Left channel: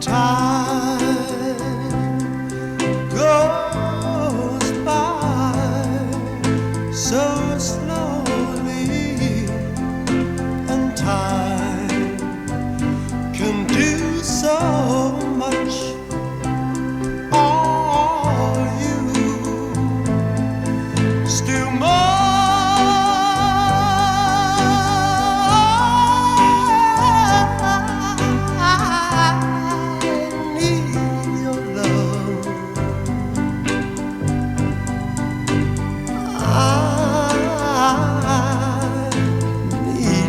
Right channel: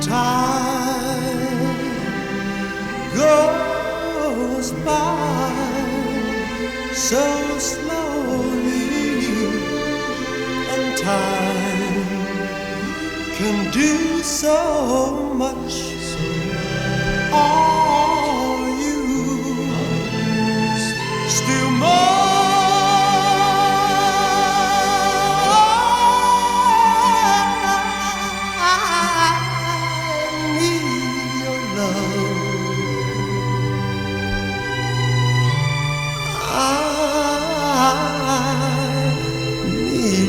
time goes by so slowly, and time can do so much. Are you still more?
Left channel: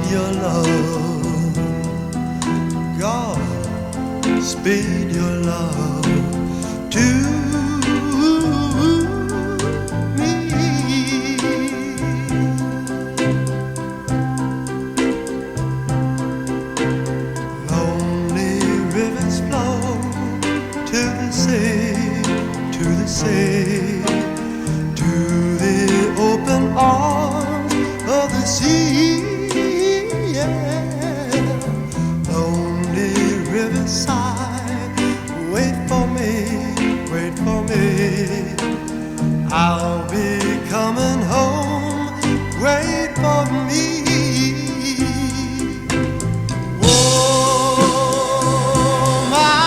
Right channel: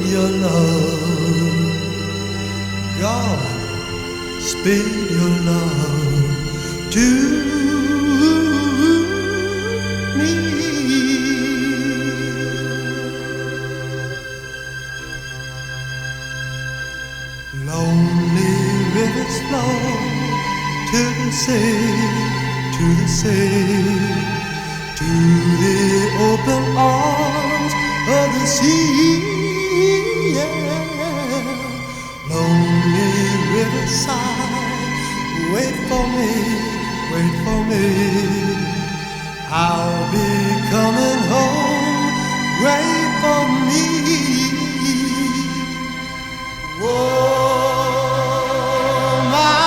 Your love, God, speed your love to me. Lonely rivers flow to the sea, to the sea, to the open arms of the sea. Lonely riverside, wait for me, wait for me. I'll be coming home, wait for me. Oh, my